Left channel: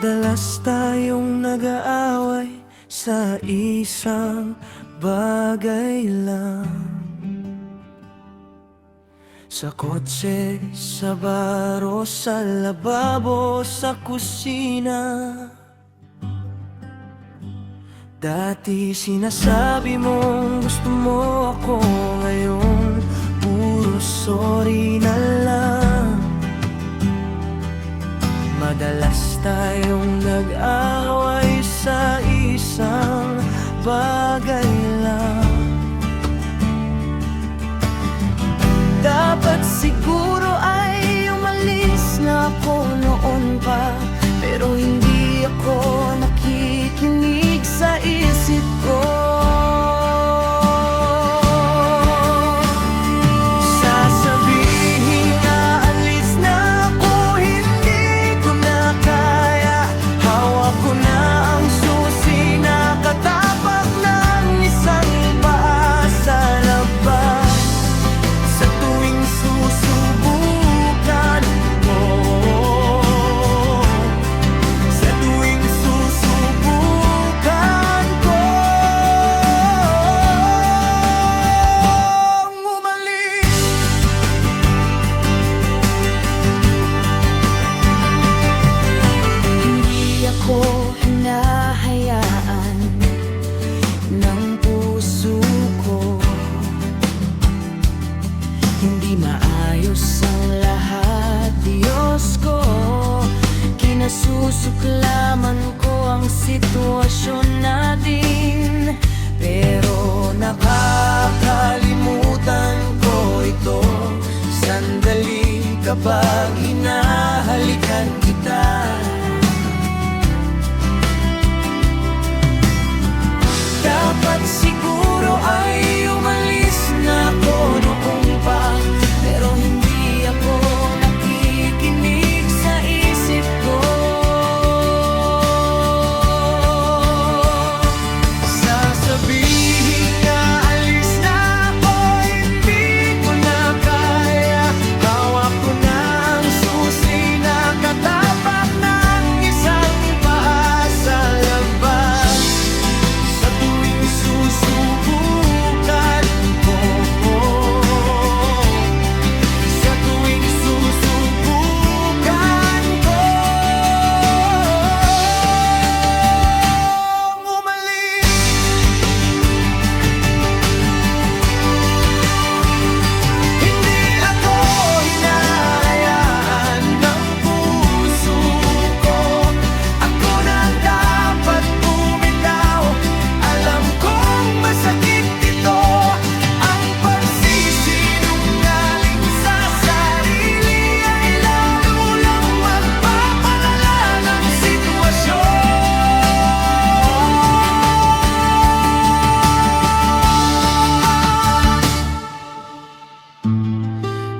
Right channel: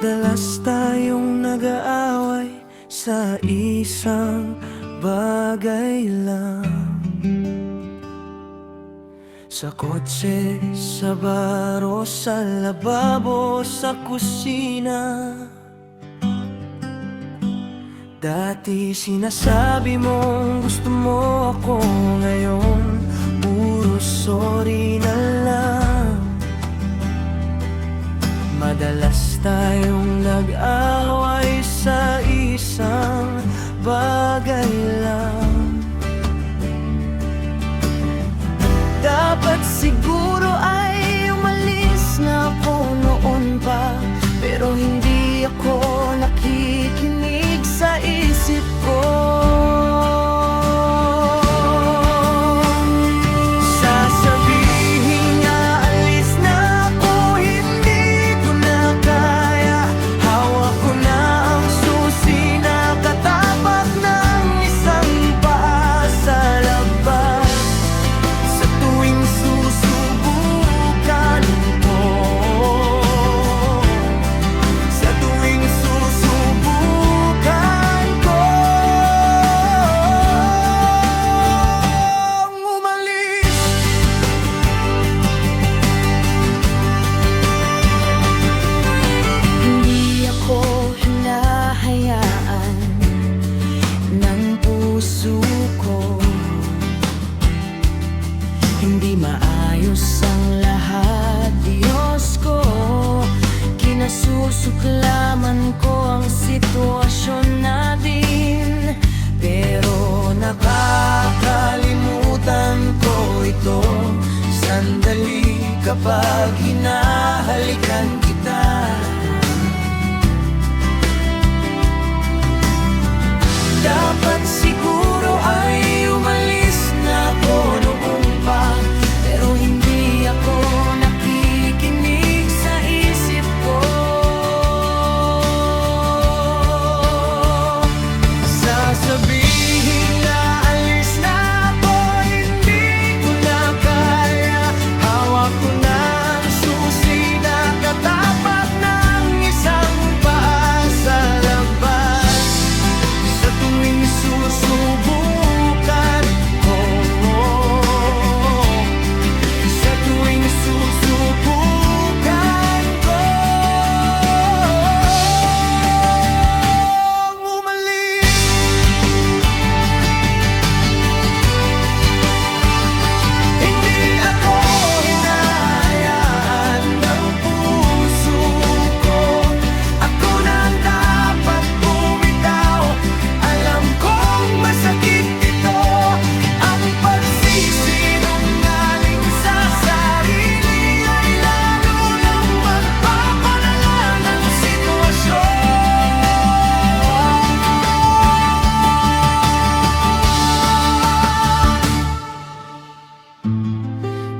Madalas tayong nag-aaway sa isang bagay lang. Sa kotse, sa baro, sa lababo, sa kusina. Dati sinasabi mong gusto mo ako, ngayon puro sorry na lang. Madalas tayong nag-away sa isang bagay lang. Dapat siguro ay umalis na ako noon pa, pero hindi ako nakikinig sa isip ko. Sasabihin aalis na ako, hindi ko na kaya. Hawak ko na ang susi, nakatapak ng isang paa sa labas. Sa tuwing susubukan ko, sa tuwing susubukan ko umalis, hindi ako hinahayaan ng puso ko. Hindi maayos ang lahat, Diyos ko. Kinasusuklaman ko ang sitwasyon natin, pero nakakalimutan ko ito sandali kapag hinahalikan kita. Dapat siguro ay umalis na ako noong pa, pero hindi ako nakikinig sa isip ko. Sasabihin na alis na ako, hindi ko na kaya. Hawak ko na ang susi, nakatapak ng isang paa sa labas. Sa tuwing susubukan ko, sa tuwing susubukan ko umalis, hindi ako hinahayaan ng puso ko. Ako nang dapat bumitaw. Alam kong masakit ito, ang pagsisinungaling sa sarili ay lalo lang magpapalala ng sitwasyon.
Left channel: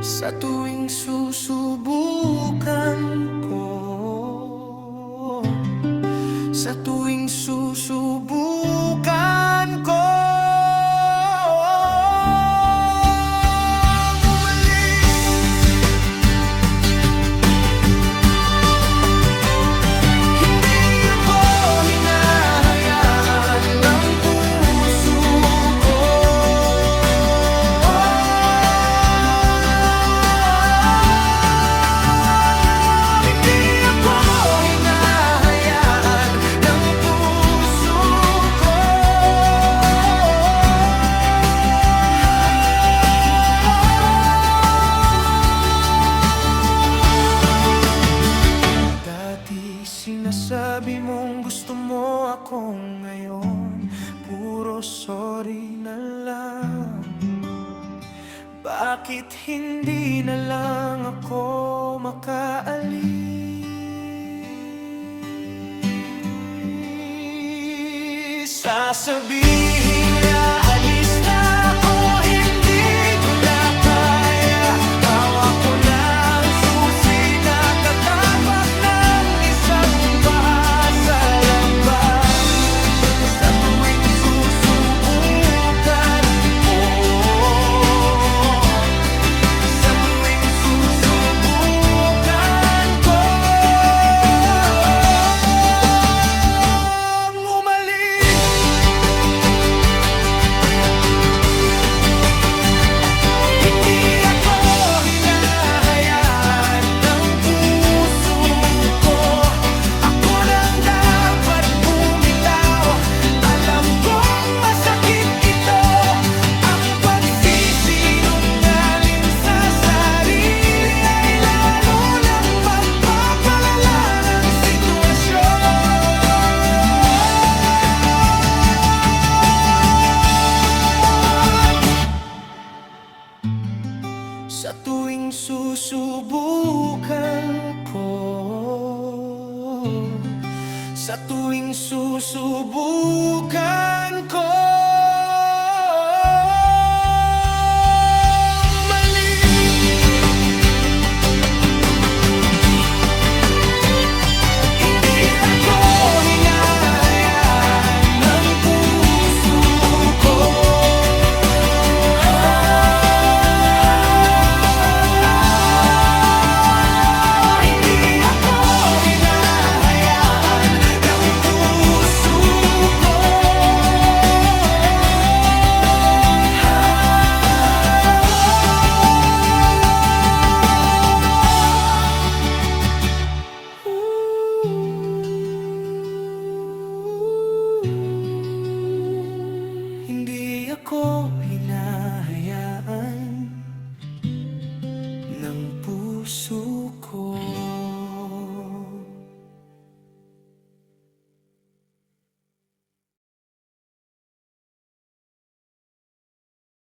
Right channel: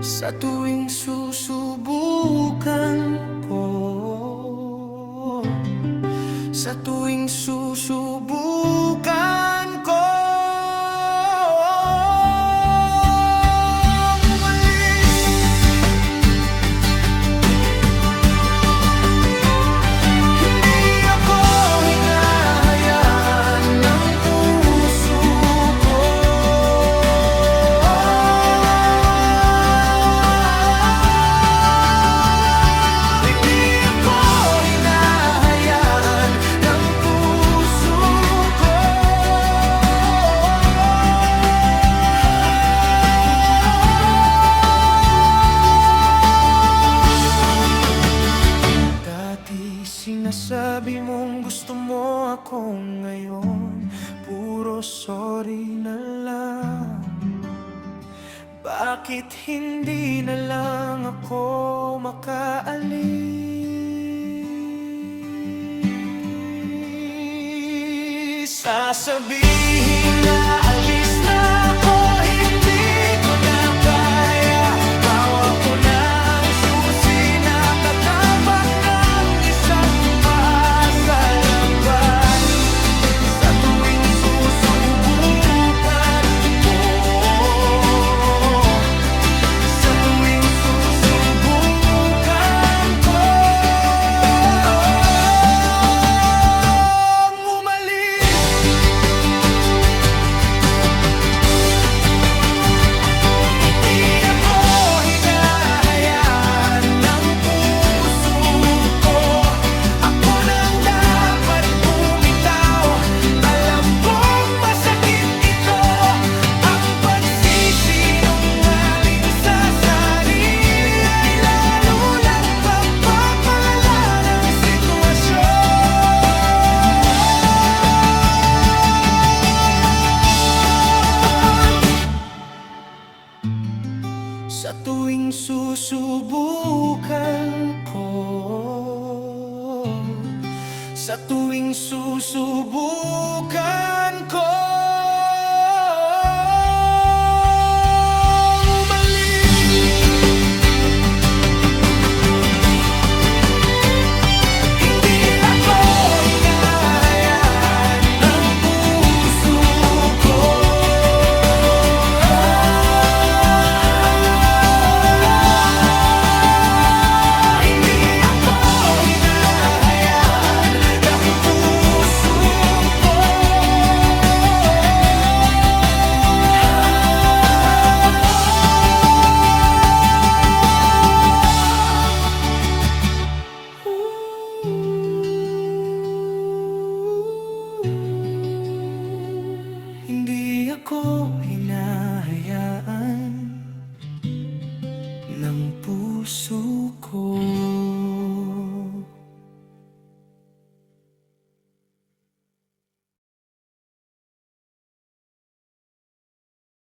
Sa tuwing susubukan ko, sa tuwing susubukan ko umalis, hindi ako hinahayaan ng puso ko. Hindi ako hinahayaan ng puso ko. Dati sinasabi mong gusto mo ako, ngayon puro sorry na lang. Bakit hindi na lang ako makaalis? Sasabihin na alis na ako, hindi ko na kaya. Hawak ko na ang susi, nakatapak ng isang paa sa labas. Sa tuwing susubukan ko, sa tuwing susubukan ko susubukan ko. Sa tuwing susubukan ko umaling, hindi ako hinahayaan ng puso ko. Hindi ako hinahayaan ng puso ko. Hindi ako hinahayaan ng puso